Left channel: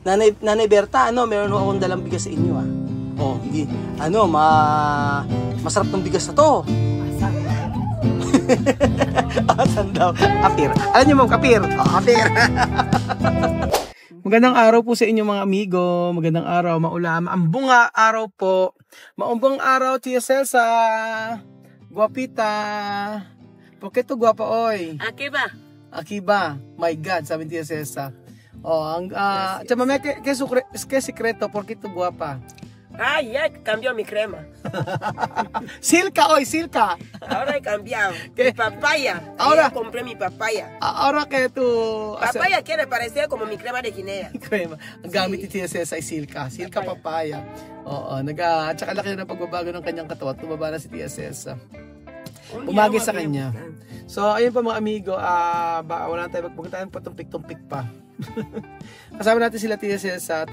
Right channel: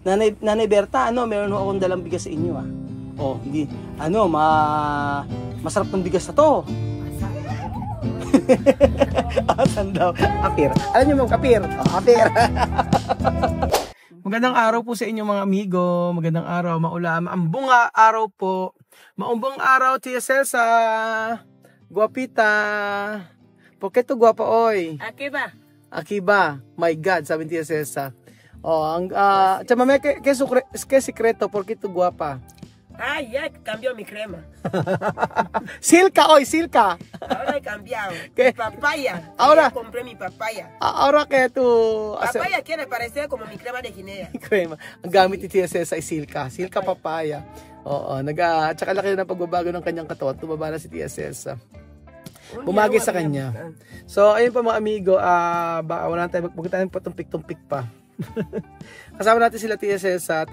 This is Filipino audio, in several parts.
Nanay Berta, meron akong dalang bigas sa inyo, ah. Oh, hindi, masarap ng bigas na to. Asan daw? Kapir. Alam niyo, Ma'am, kapir. Oh, kapir. Magandang araw po sa inyo, mga amigo. Magandang araw, maulam. Ang bunga araw po. Maumbang araw, Tia Celsa. Guapita. Porque to guapa, oy. Akiba. My God, sabi ni Tia Celsa. Oh, chamame, ¿qué secreto? ¿Por qué tu guapa? Ay, ya cambió mi crema. Silka, hoy, Silka. Ahora he cambiado. ¿Qué? Mi papaya. Ahora. Ya compré mi papaya. Ahora que tu... Papaya quiere parecer como mi crema de guinea. Crema. Ang gamit ni Tia Celsa ay Silka. Silka papaya. Oo, tsaka laki na pagbabago ng kanyang katawan. Tumaba na si Tia Celsa. Umagi sa kanya. So, ayun pa mga amigo, wala tayo, huwag tayo patumpik-tumpik pa. Kasama natin sila Tia Celsa at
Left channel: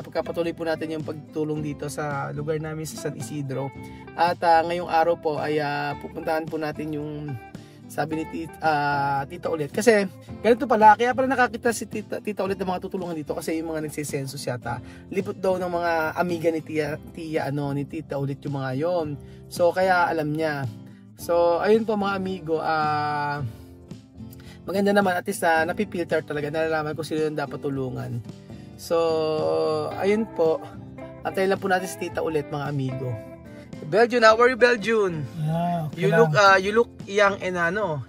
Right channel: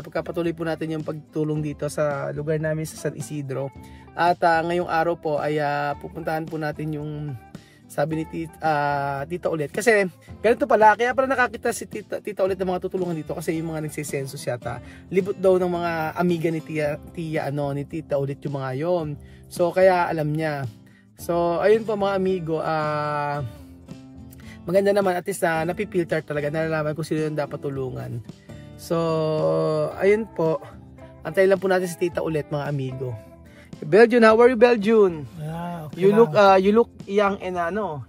pagkapatuloy po natin yung pagtulong dito sa lugar namin sa San Isidro. At ngayong araw po ay pupuntahan po natin yung sabi ni Tita Ulit. Kasi ganito pala, kaya pala nakakita si Tita Ulit ng mga tutulungan dito kasi yung mga nagsisensus yata. Libot daw ng mga amiga ni ni Tita Ulit yung mga yon. So kaya alam niya. So, ayun po mga amigo, maganda naman at least napipilter talaga, nalalaman kung sino yung dapat tulungan. So, ayun po, antayin lang po natin si Tita Ulit mga amigo. Beljun, how are you, Beljun? Okay You look young and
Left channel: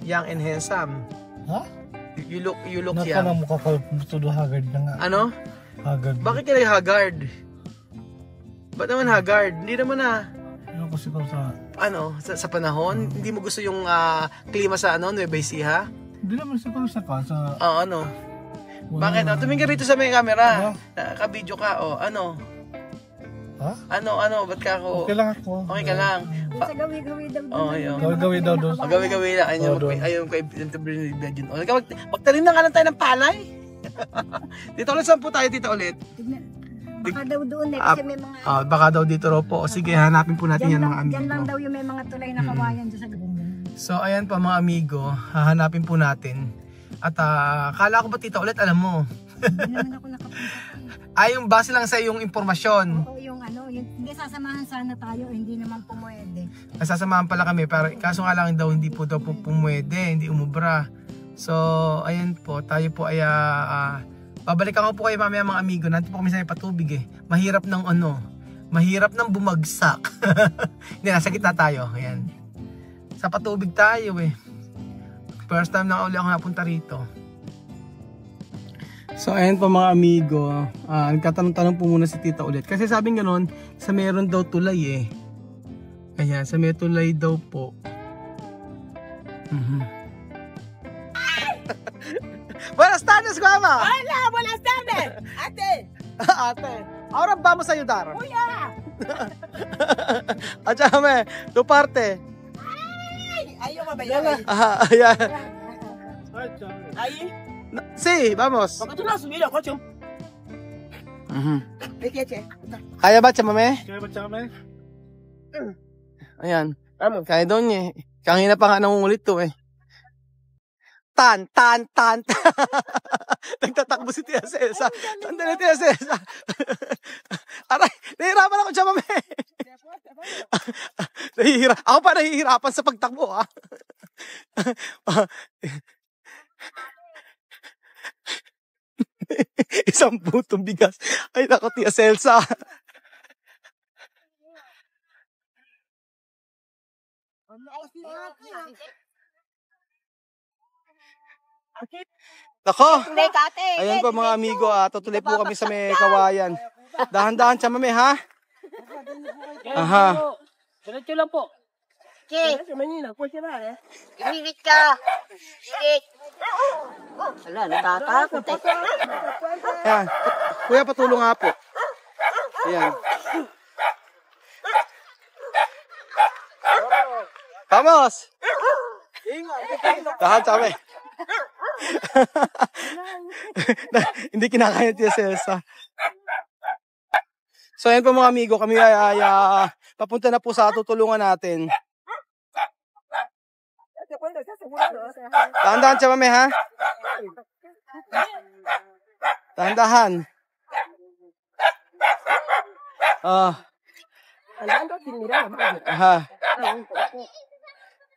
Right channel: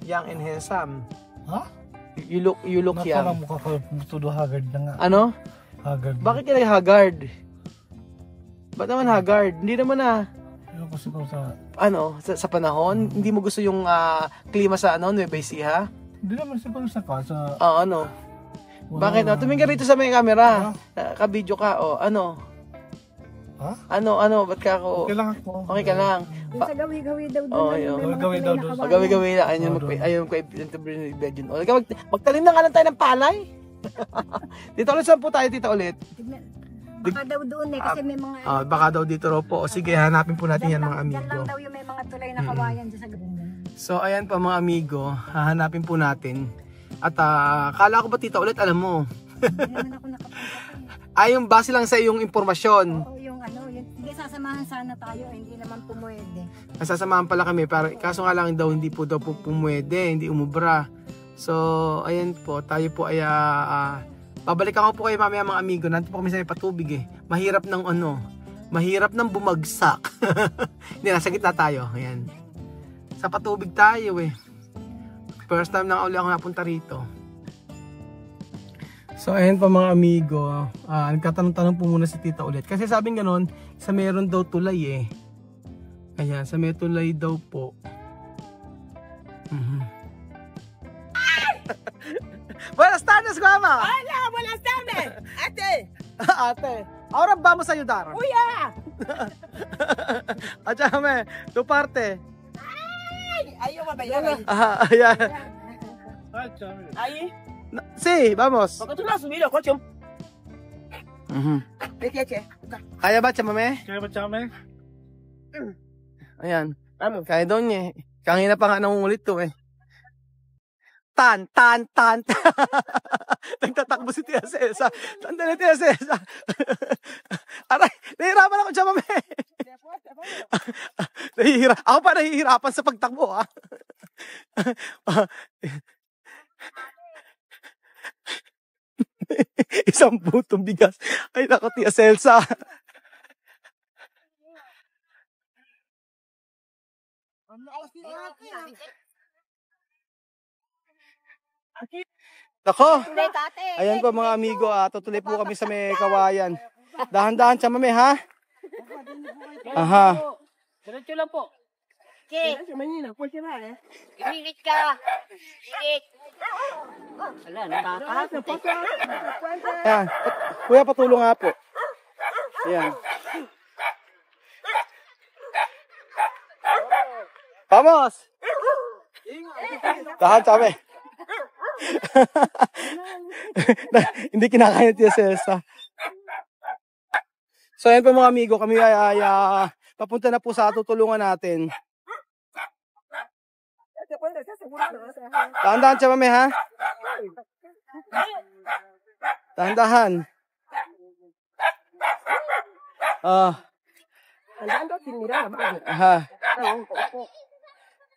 young and handsome. Ha? You look young. Nasa mukha ko tudo haggard na nga. Ano? Haggard. Bakit ka haggard? Ba't naman haggard? Hindi naman Ano kasi ko sa panahon? Hindi mo gusto yung klima sa Nueva Ecija? Hindi naman sa sa Bakit? Tumingin ka rito sa may camera. Ka-video ka. Ha? Ba't ka ako? Okay lang ako. Okay ka lang. Sa gawi-gawi daw. Gawi daw doon. Gawi na. Ayun ko i-interview. Magtanim na nga lang tayo ng palay. Dito ulit, saan po tayo, Tita Ulit? Baka daw doon kasi may mga... baka daw dito raw po. O sige, hanapin po natin yan mga amigo. Diyan lang daw yung may mga tulay na kawayan dyan sa lubungan. So ayan pa mga amigo, hahanapin po natin. At kala ko ba Tita Ulit, alam mo? Hindi naman ako nakapunta. Yung base lang sa iyong impormasyon. Oo, yung hindi sasamahan sana tayo, hindi naman pumwede. Nasasamahan pala kami, pero kaso nga lang daw hindi po pumwede, hindi umubra. So ayan po, tayo po ay babalikan ko po kayo mamaya mga amigo. Nandito po kami sa may patubig Mahirap ng mahirap ng bumagsak. Hindi, nasa gitna tayo. Ayan. Sa patubig tayo First time na uli ako napunta rito. So ayan po mga amigo. Nagtatanong-tanong po muna si Tita Ulit. Kasi sabing ganon, sa meron daw tulay Ayan, sa may tulay daw po. Buenas tardes, Guama! Hola, buenas tardes. Ate. Ate, ahora vamos a ayudar. Kuya. Achame, tu parte. Ay, yo mabayar ahí. Ayan. Ahí. Sí, vamos. ¿Por qué tú no has subido, coche? Vete, Kaya ba, chamame? Kaya machame? Ayan. Kaya daw niya Kanina pa nga nangungulit to Tan. Nagtatakbo si Tia Celsa. Sandali, Tia Celsa. Aray, nahihirapan ako dyan, mami. Ako pa nahihirapan sa pagtakbo, Isang butong bigas. Ay, nako, Tia Celsa. Nako, ayan po mga amigo, tutuloy po kami sa may kawayan. Dahan-dahan siya mami, ha? Aha. Diretso lang po. Kik, Manila, pwede ba ibibit ka. Kik. Wala, natatakot Ayan, kuya patulong nga po. Ayan. Vamos! Dahan siya mami. Hindi kinakaya Tia Celsa. So ayan po mga amigo, kami ay papunta na po sa tutulungan natin. Dahan-dahan siya mami ha. Dahan-dahan. Ah, Andaan daw, tinira. aha.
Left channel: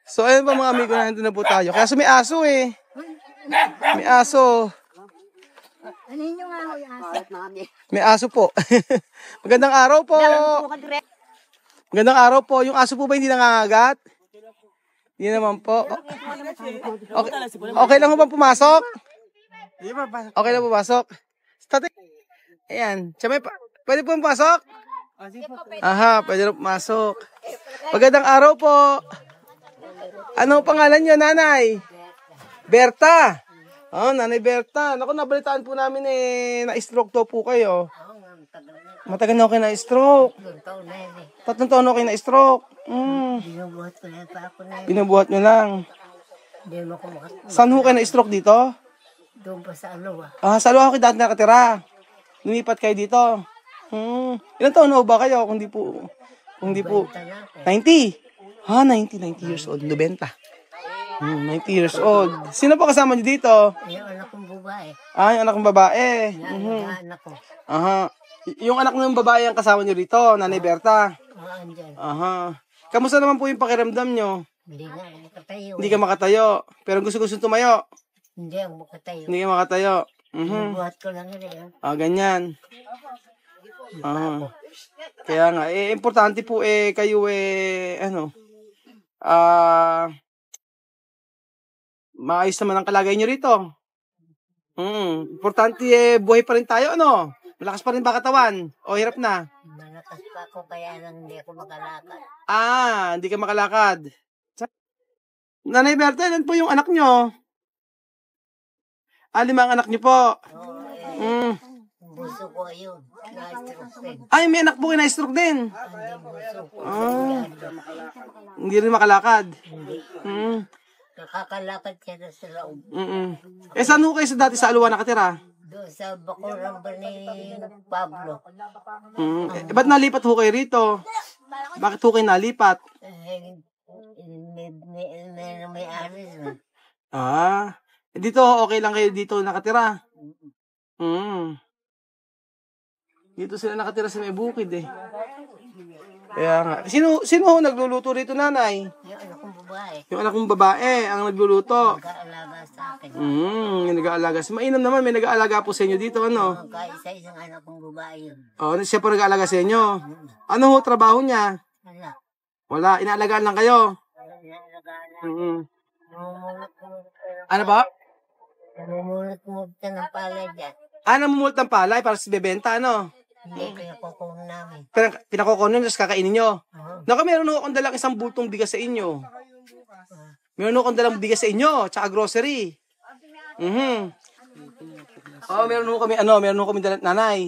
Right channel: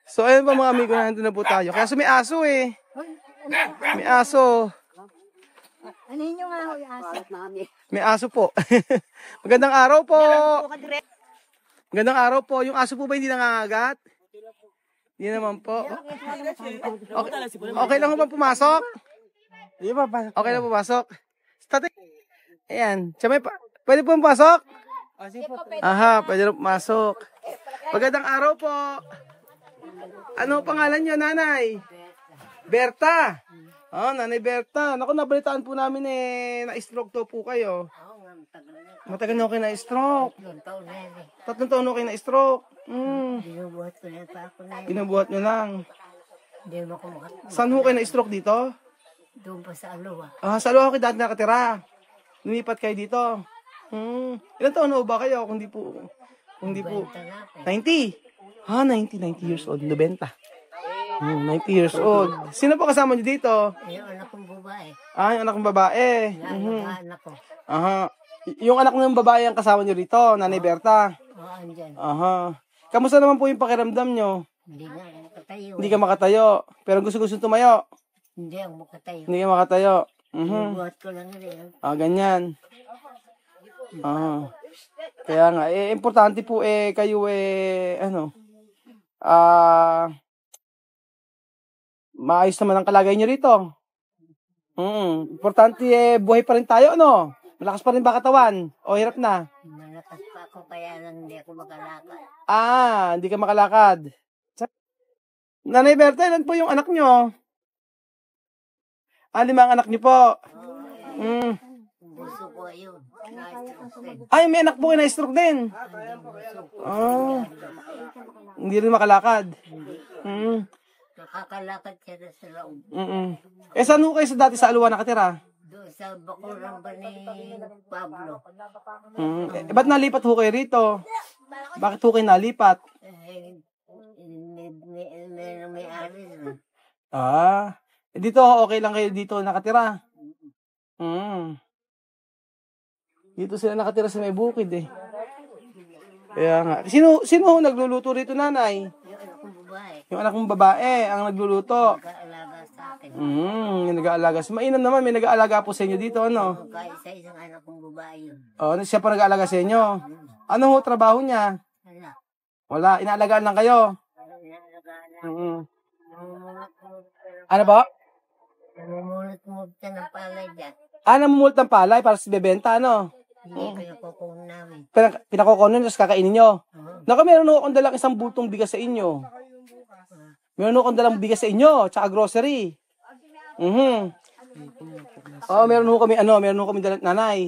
So, ayun pa mga amigo, nandun na po tayo. Kaya may aso eh. May aso. Ano yun yung asa? May aso po. Magandang araw po. Magandang araw po. Yung aso po ba hindi nangangagat? Hindi naman po. Okay, okay lang po ba pumasok? Okay lang pumasok? Tatay. Ayan. Siya may pwede po pumasok? Aha, pwede na pumasok. Magandang araw po. Ano pangalan niyo, nanay? Berta. Oh, nanay Berta. Naku, nabalitaan po namin na-stroke to po kayo. Matagal na ako na-stroke. 3 taon na ako na-stroke. Binubuhat ko na pa ako na yun. Binubuhat nyo lang. Hindi mo ako Saan ho kayo na-stroke dito? doon pa sa Aloha. Ah, sa Aloha kayo dati nakatira. Lumipat kayo dito. Ilan taon na ho ba kayo? Kung di po 90. Ha, 90 years old. 90. 90 years old. Sino pa kasama nyo dito? Yung anak kong babae. Ah, yung anak ng babae. Anak ko. Aha. Yung anak ng babae ang kasama nyo rito, Nanay Berta. Andyan. Aha. Kamusta naman po yung pakiramdam nyo? Hindi nga, nakatayo. Hindi ka makatayo. Pero gusto tumayo. Hindi ako makatayo. Hindi ka makatayo. Binubuhat ko lang yan. Ah, ganyan. Ah. Kaya nga, importante po kayo maayos naman ang kalagay nyo rito. Importante buhay pa rin tayo, ano? Malakas pa rin ba katawan? O hirap na? Malakas pa ako kaya lang hindi ako makalakad. Ah, hindi ka makalakad. Nanay Berta, ilan po yung anak nyo? 5 ang anak nyo po. Buso ko yun. Na-stroke din. Ay, may anak po kayo na-stroke din. Andyan buso ko. Ah, hindi rin makalakad. Hindi. Nakakalakad siya na sa loob. Saan ho kayo dati sa Aluwa nakatira? Doon sa bakuran ba ni Pablo. Ba't nalipat ho kayo rito? Bakit ho kayo nalipat? May aris na. Ah, dito okay lang kayo dito nakatira? Dito sila nakatira sa may bukid eh. Kaya nga. Sino ho nagluluto rito, nanay? Yung anak kong babae. Yung anak mong babae ang nagluluto. Nag-aalaga sa akin. Yung nag-aalaga. Mainam naman, may nag-aalaga po sa inyo dito, ano? Kahit sa isang anak kong babae yun. Oh, siya pa nag-aalaga sa inyo. Ano ho trabaho niya? Wala. Wala, inaalagaan lang kayo. Namumulot mo. Ano ba? Namumulot mo ng palay dyan. Namumulot ng palay para sa bebenta, ano? Hindi pinakukong namin. Pinakukunin, tapos kakainin nyo. Oo. Naku, meron ho akong dalang isang bultong bigas sa inyo. Meron ho akong dalang bigas sa inyo, tsaka grocery. Oh, meron ho kami dalang, nanay,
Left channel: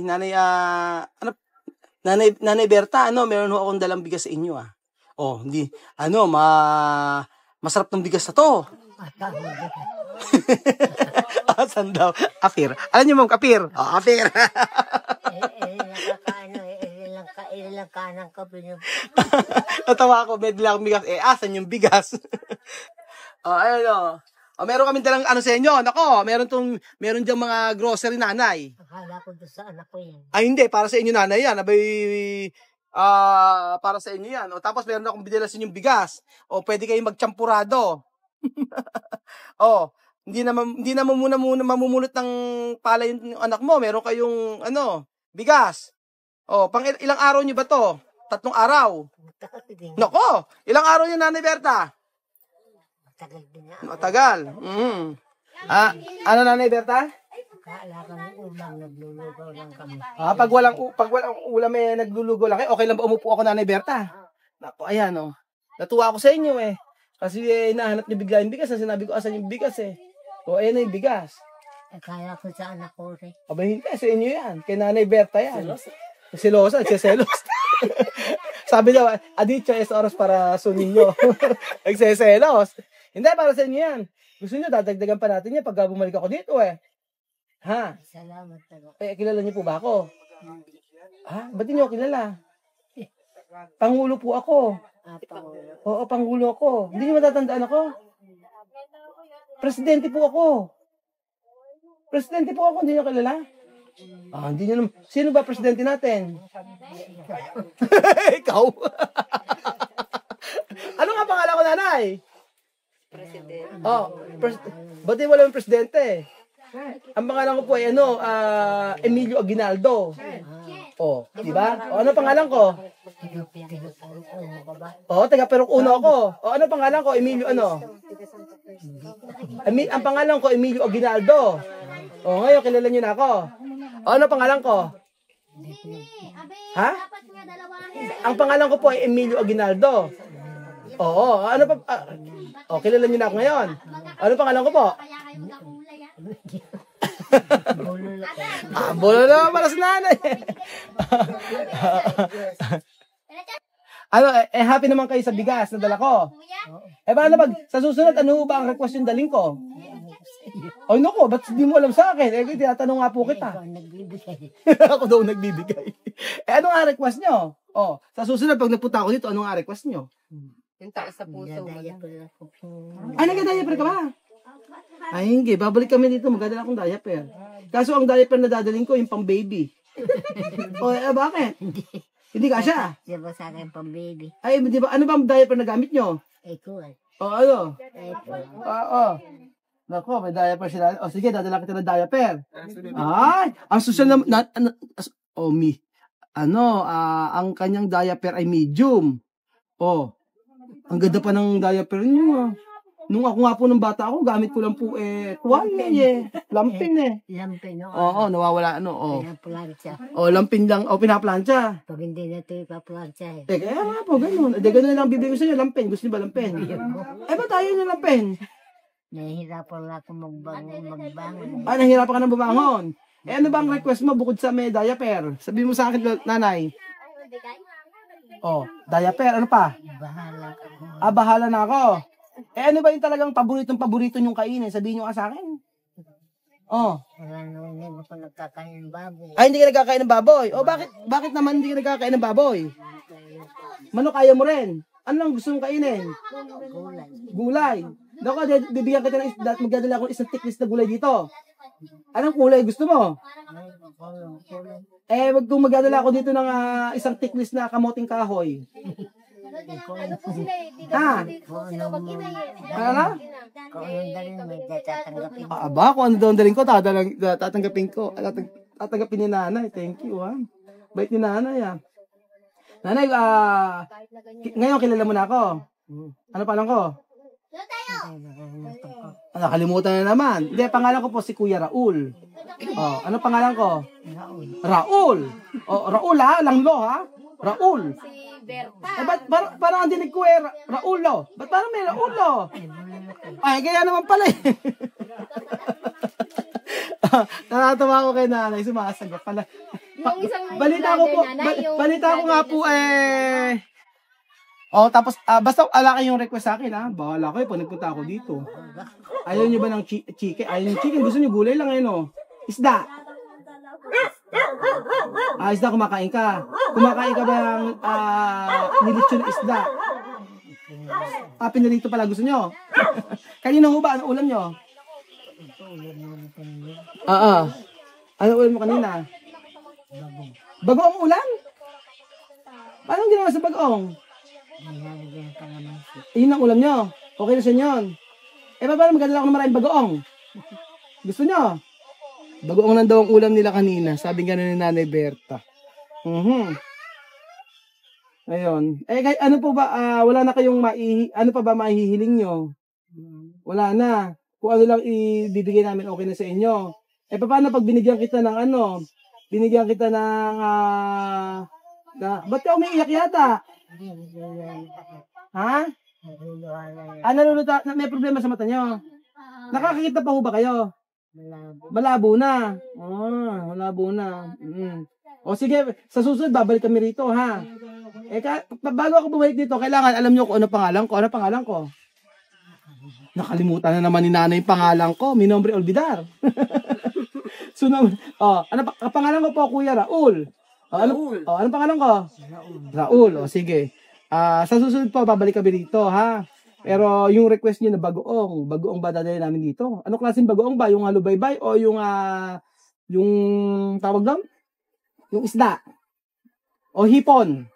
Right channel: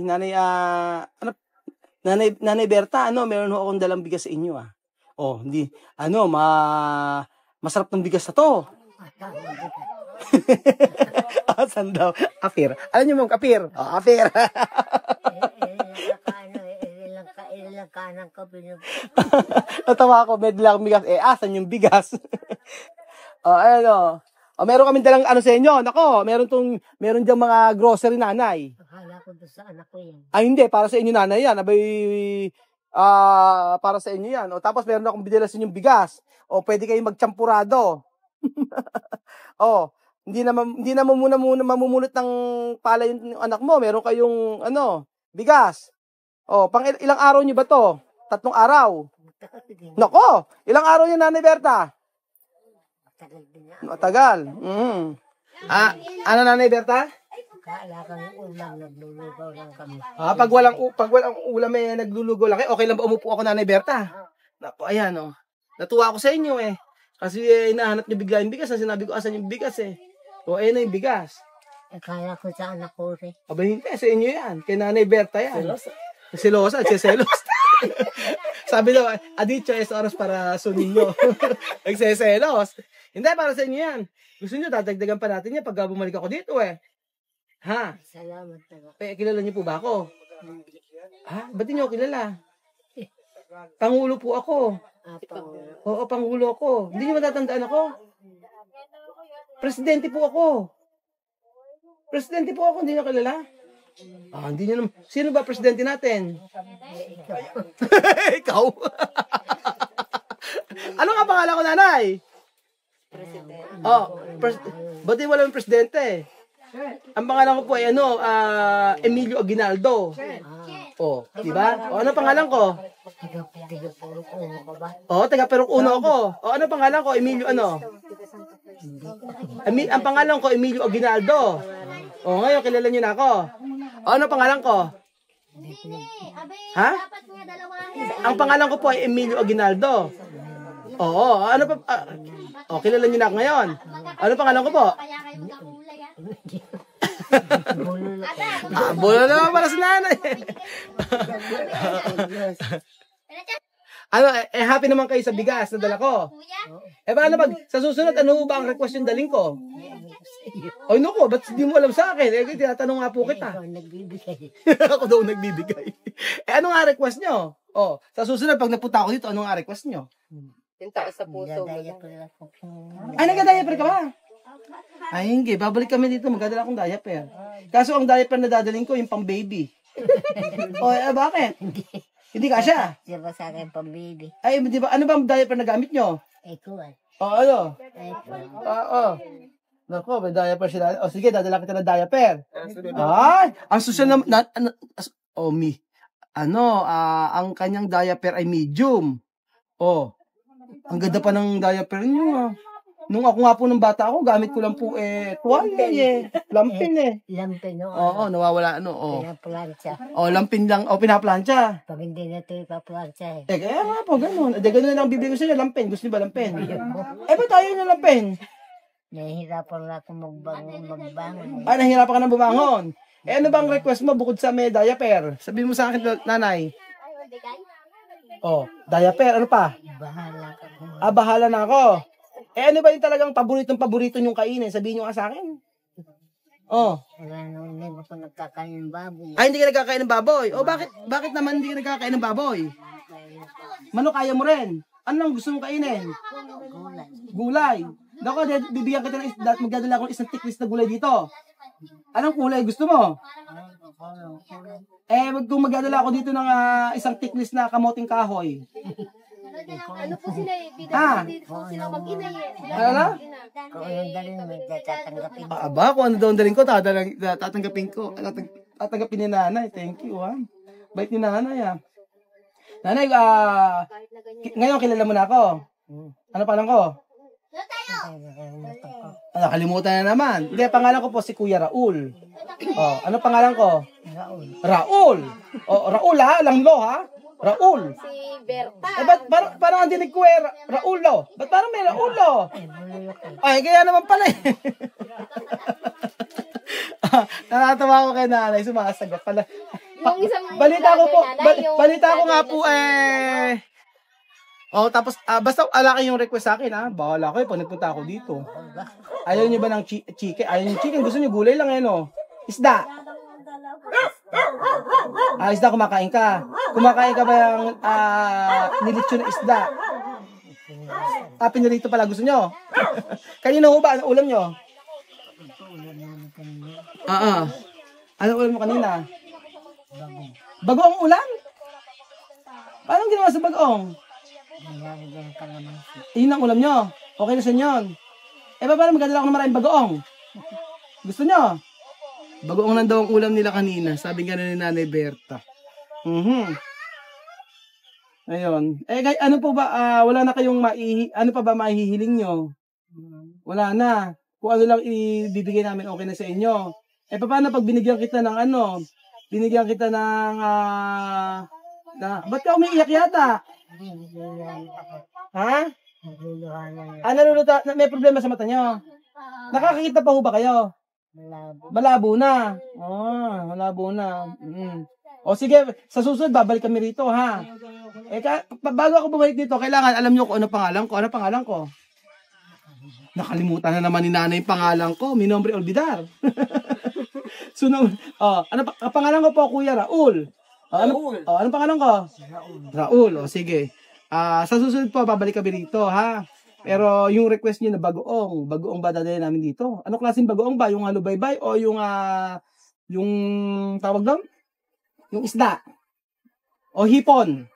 nanay Berta, meron ho akong dalang bigas sa inyo, ah. Oh, hindi, masarap ng bigas na to. Asan daw? Apir. Alam niyo, ma'am, apir. Oh, apir. Ilang kanang ko pinag... Natawa ako, may dalang bigas. Asan yung bigas? Meron kami dalang sa inyo. Nako, meron diyang mga grocery, nanay. Akala ko doon sa anak ko yan. Ay, hindi. Para sa inyo, nanay, yan. Para sa inyo yan. Tapos meron akong binila sa inyong bigas. Pwede kayong magchampurado. Hindi na muna mamumulot ng palay yung anak mo. Meron kayong, bigas. Pang ilang araw nyo ba to? 3 araw. Nako, ilang araw nyo, Nanay Berta? Matagal din na. Matagal. Ano, Nanay Berta? Akala kang ulam, naglulugaw lang kami. Pag walang ulam naglulugo lang kayo, okay lang ba umupo ako, Nanay Berta? Nako, ayan, natuwa ako sa inyo Kasi nahanap niyo bigla yung bigas. Sinabi ko, asan yung bigas ayan na yung bigas. Akala ko sa anak ko rin. Aba, hindi. Sa inyo yan. Kay Nanay Berta yan. Selosa. Selos. Sabi daw, aditya es oras para sunin nyo. Nagseselos. Hindi, para sa inyo yan. Gusto nyo, dadagdagan pa natin yan pag bumalik ako dito Ha? Salamat talaga. Kilala niyo po ba ako? Hindi. Ba't di nyo kilala? Pangulo po ako. Pangulo. Oo, Pangulo ako. Hindi nyo matatandaan ako? Presidente po ako. Hindi nyo kilala? Hindi nyo naman. Sino ba presidente natin? Ikaw. Ano nga pangalan ko, nanay? Ba't di walang presidente? Ang pangalan ko po ay Emilio Aguinaldo. Di ba? Ano pangalan ko? Taga Peruk Uno ako. Ano pangalan ko? Emilio ang pangalan ko Emilio Aguinaldo. Ngayon kilala niyo na ako. Ano pangalan ko? Ha? Ang pangalan ko po ay Emilio Aguinaldo. Ano pa? Kilala niyo na ako ngayon. Ano pangalan ko po? Bolo naman pala si nanay. Happy naman kayo sa bigas na dala ko. Paano sa susunod, ano ba ang request yung daling ko? Naku, ba't di mo alam sa akin? Tinatanong nga po kita. Ako daw nagbibigay. Ano nga request nyo? Sa susunod, pag napunta ako dito, ano nga request nyo? Yung taas sa puso. Nagda-diaper ka ba? Hindi. Babalik kami dito. Magdadala akong diaper. Kaso ang diaper na dadaling ko, yung pang baby. Bakit? Hindi kasya. Diba sa akin pang baby? Di ba? Ano ba ang diaper na gamit nyo? Ekuan. Ano? Nako, may diaper sila. Sige, dadala kita ng diaper. Ang susunod na... ang kanyang diaper ay medium. Ang ganda pa ng diaper niyo. Nung ako nga po ng bata ako, gamit ko lang po tuwalya lampin Lampin, no? Nawawala Pinaplansya. Lampin lang, pinaplansya. Pag hindi na ito ipaplansya Kaya nga po, ganun. Ganun na lang bibigay ko sa inyo, lampin. Gusto niyo ba lampin? Ba't tayo yung lampin? Nahihirapan na ako magbangon. Nahihirapan ka na bumangon. Ano bang request mo bukod sa may diaper? Sabihin mo sa akin, nanay. Diaper, ano pa? Bahala ka. Bahala na ako. Ano ba yung talagang paborito nyong kainin? Sabihin nyo nga sa akin. Wala naman, hindi ako nagkakain ng baboy. Hindi ka nagkakain ng baboy? Bakit naman hindi ka nagkakain ng baboy? Manok kaya mo rin. Ano lang gusto mong kainin? Gulay. Dako, bibigyan kita ng isda at magdadala akong isang tiklis na gulay dito. Anong kulay gusto mo? Wag kong magdadala ako dito ng isang tiklis na kamoting kahoy. Ano po sila sila mag-ina Ano? Kung yung dalhin mo, tatanggapin mo. Kung ano daw ang daling ko, tatanggapin ko. Tatanggapin ni nanay. Thank you, Bait ni nanay, Nanay, ngayon kilala mo na ako. Ano pangalan ko? Nakalimutan na naman. Hindi, pangalan ko po si Kuya Raul. Ano pangalan ko? Raul. Raul Langlo Raul. Ba't parang ang dinig ko Raulo? Ba't parang may Raulo? Kaya naman pala Nakatawa ko kay nanay, sumasagot pala. Balita ko nga po tapos basta ala kayong request sa akin bahala kayo pag nagpunta ako dito. Ayaw niyo ba ng chicken? Ayaw niyo chicken, gusto niyo gulay lang Isda. Isda kumakain ka. Kumakain ka ba yung nilitsyo na isda? Pinarito pala gusto niyo. Kanina ho ba ano ulam niyo? Ano ulam mo kanina? Bagoong ulam? Paano ginawa sa bagoong? Yun ang ulam nyo. Okay na sa inyo. Paano magdadala ako ng maraming bagoong? Gusto nyo? Bagoong lang daw ang ulam nila kanina. Sabi nga ni Nanay Berta. Ayun. Ano po ba? Wala na kayong ano pa ba maihihiling nyo? Wala na. Kung ano lang ibibigay namin okay na sa inyo. Paano pag binigyan kita ng binigyan kita ng ba't ka umiiyak yata? Naluluta, may problema sa mata nyo? Nakakakita pa ho ba kayo? Malabo na. Malabo na. Sige, sa susunod babalik kami rito bago ako bumalik dito, kailangan alam nyo kung ano pangalan ko. Ano pangalan ko? Nakalimutan na naman ni nanay yung pangalan ko. Mi nombre olvidar. Ano pangalan ko po, Kuya Raul. Ano pangalan ko? Raul. Sige. Sa susunod po, babalik kami dito, Pero yung request niyo na bagoong ba dadalhin namin dito? Ano klaseng bagoong ba? Yung halubaybay o yung yung tawag doon? Yung isda. O hipon.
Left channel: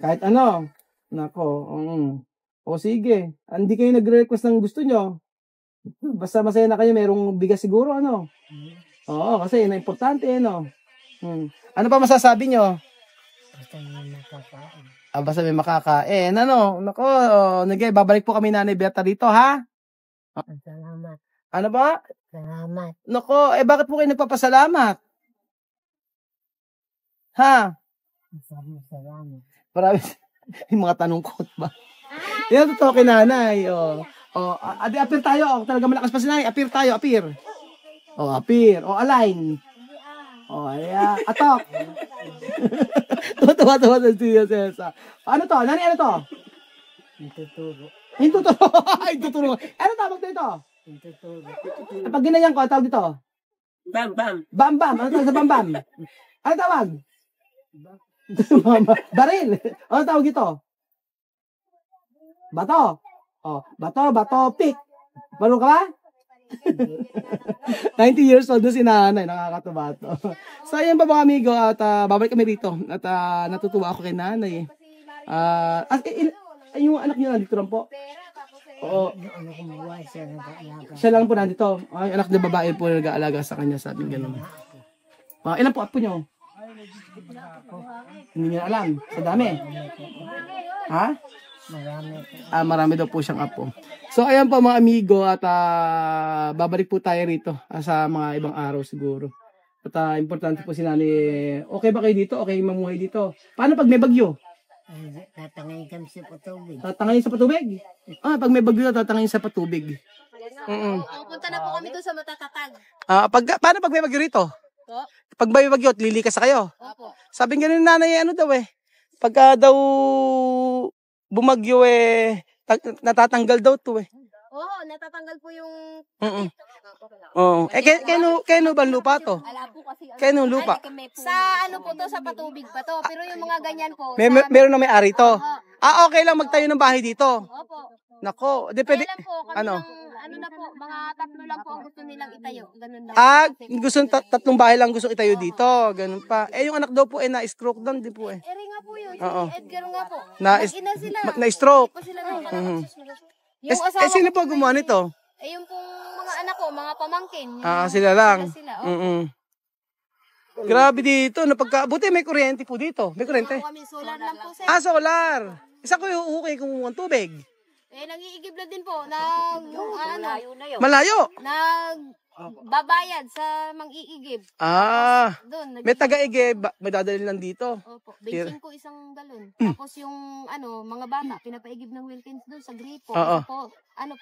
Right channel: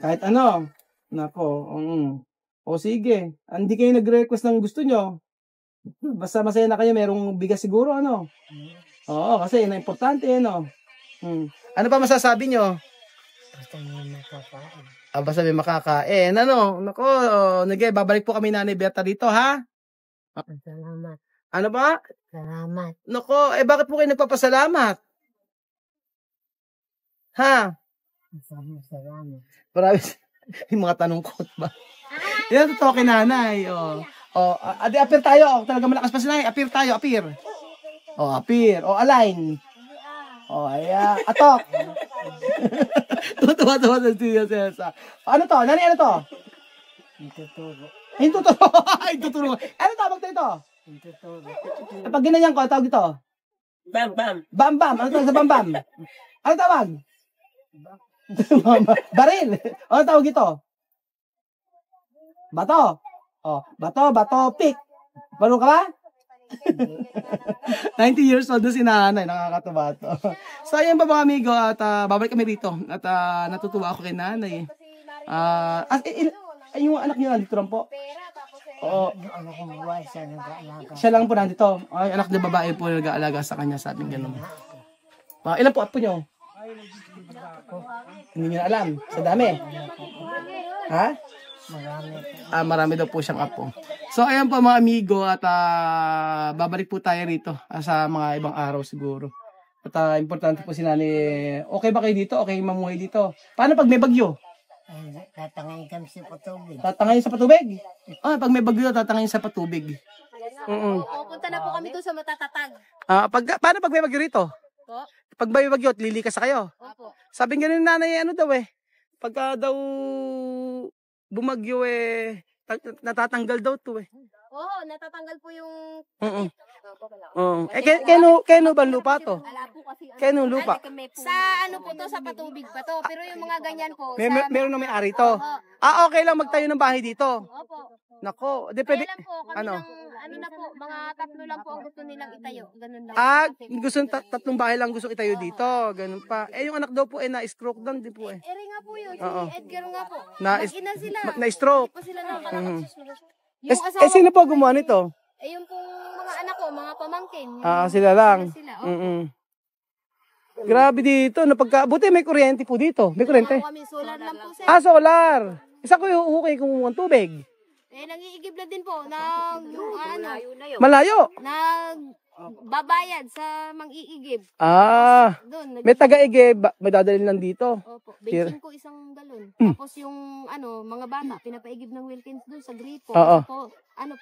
Kahit ano. Nako. O sige. Hindi kayo nag-request ng gusto nyo. Basta masaya na kayo. Merong bigas siguro, ano? Oo, kasi yun ang importante, no? Ano pa masasabi nyo? Basta may makakain. Basta may makakain. Ano? Nako, babalik po kami Nanay Berta dito, ha? Salamat. Ano ba? Salamat. Nako, bakit po kayo nagpapasalamat? Ha? Salamat. Marami yung mga tanong ko ba? Yan, totoo kay Nanay. Adi, appear tayo. Talaga malakas pa si Nanay. Appear tayo, appear. Appear. Align. Ayan. Atok. Tuwa-tuwa sa tiya, Cesa. Ano to? Nanay, ano to? Intuturo. Intuturo. Ano tawag dito? Intuturo. Pag ginayan ko, ano tawag dito? Bam. Bam. Ano tawag sa bam? Ano tawag? Baril. Ano tawag ito? Bato. Bato, pick. Marunong ka ba? 90 years old na si Nanay. Nakakatuwa to. So, ayan ba mga amigo? At babalik kami rito. At natutuwa ako kay Nanay. Yung anak niya nandito lang po. Oo. Yung ano kong buhay siya nag-aalaga. Siya lang po nandito. Ay, anak na babae po nag-aalaga sa kanya. Sabing ganun. Ilan po apo nyo? Hindi niyo alam. Sa dami. Ha? Marami po. Marami daw po siyang apo. So, ayan po mga amigo. At babalik po tayo rito sa mga ibang araw siguro. At importante po si Nanay. Okay ba kayo dito? Okay mamuhay dito? Paano pag may bagyo? Tatangayin kami sa patubig. Tatangayin sa patubig? Pag may bagyo, tatangayin sa patubig. Punta na po kami doon sa Matatatag. Paano pag may bagyo rito? Po? Pag may bagyo, lilikas sa kayo? Opo. Sabi nga ni Nanay, ano daw pagka daw bumagyo natatanggal daw to Oo, natatanggal po yung... Oo. Kano ba lupa to? Ala po kasi... Kano lupa? Sa ano po to, sa patubig pa to. Pero yung mga ganyan po... Meron na may ari to. Okay lang magtayo ng bahay dito. Opo. Nako, depende. Kailan po, kami Ano? ano na po, mga 3 lang po ang gusto nilang itayo. Ganun lang. Gusto tatlong bahay lang gusto itayo dito. Ganun pa. Yung anak daw po na-stroke down, di po Eri nga po yun. Oo. Si Edgar nga po. Na-stroke. Mag-ina sila. Na-stroke. Hindi pa sila nakakapagsus. Yung asawa Sino po gumawa nito? yung pong mga anak ko, mga pamangkin. Sila lang. Sila. Oo. Grabe dito. Buti may kuryente po dito. May kuryente. Kami solar lang po sir. Solar. Isa ko yung uhukay kung ng tubig. Nag-iigib lang din po. Malayo. Babayad sa mang-iigib. Doon. May taga-igib. May dadalhin lang dito. Opo. 25 isang galon. Tapos yung mga bata, pinapaigib ng Wilkins doon sa gripo. Isa po,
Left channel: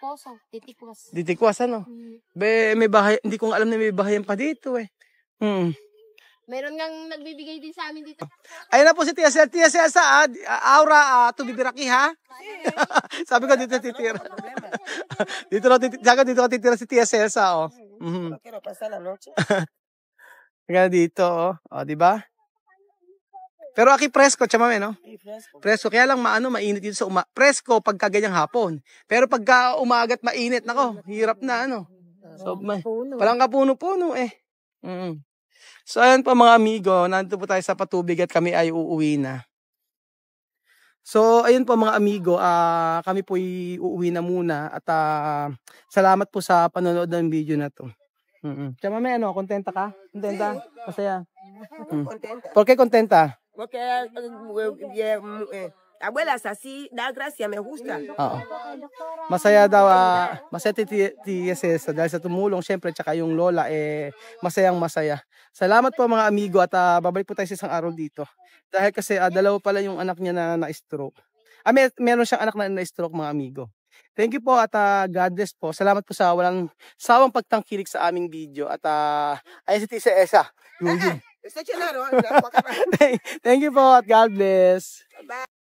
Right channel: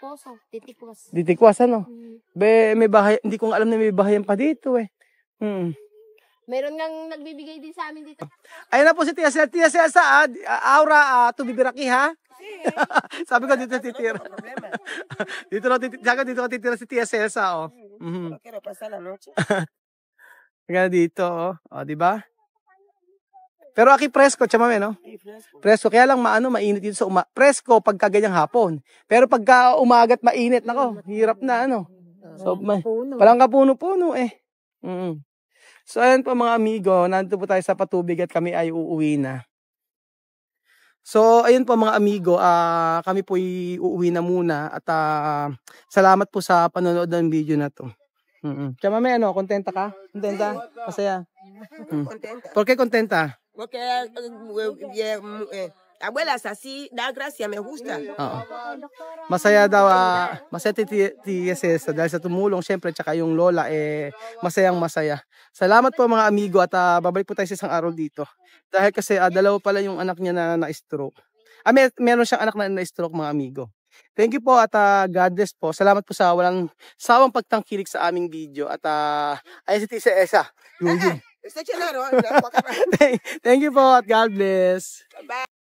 poso. Titikwas. Titikwas, ano? May bahay. Hindi ko alam na may bahayan pa dito Meron ngang nagbibigay din sa amin dito. Ayun na po si Tia Celsa. Aura, tubibiraki ha? Sabi ko dito titira. dito ka titira si Tia Celsa, Quiero pasar la noche. Kaya dito, di ba? Pero aki presko, chamame, no? Presko, kaya lang mainit dito sa presko pagka ganyang hapon. Pero pagka umagat mainit, nako, hirap na, ano? So, palang kapuno-puno, So, ayan po mga amigo, nandito po tayo sa patubig at kami ay uuwi na. So, ayun po mga amigo, kami po uuwi na muna at salamat po sa panonood ng video na to. Kaya mami, kontenta ka? Kontenta? Masaya? Contenta. ¿Por qué contenta? Porque abuela es así, da gracia, me gusta. Oo. Masaya daw, masaya Tia Celsa dahil sa tumulong syempre tsaka yung lola masayang masaya. Salamat po mga amigo at babalik po tayo sa isang araw dito. Dahil kasi dalawa pala yung anak niya na-stroke. Meron siyang anak na na-stroke mga amigo. Thank you po at God bless po. Salamat po sa walang sawang pagtangkilik sa aming video at ayun si Tia Celsa. Está chelaro. Thank you po at God bless. Bye.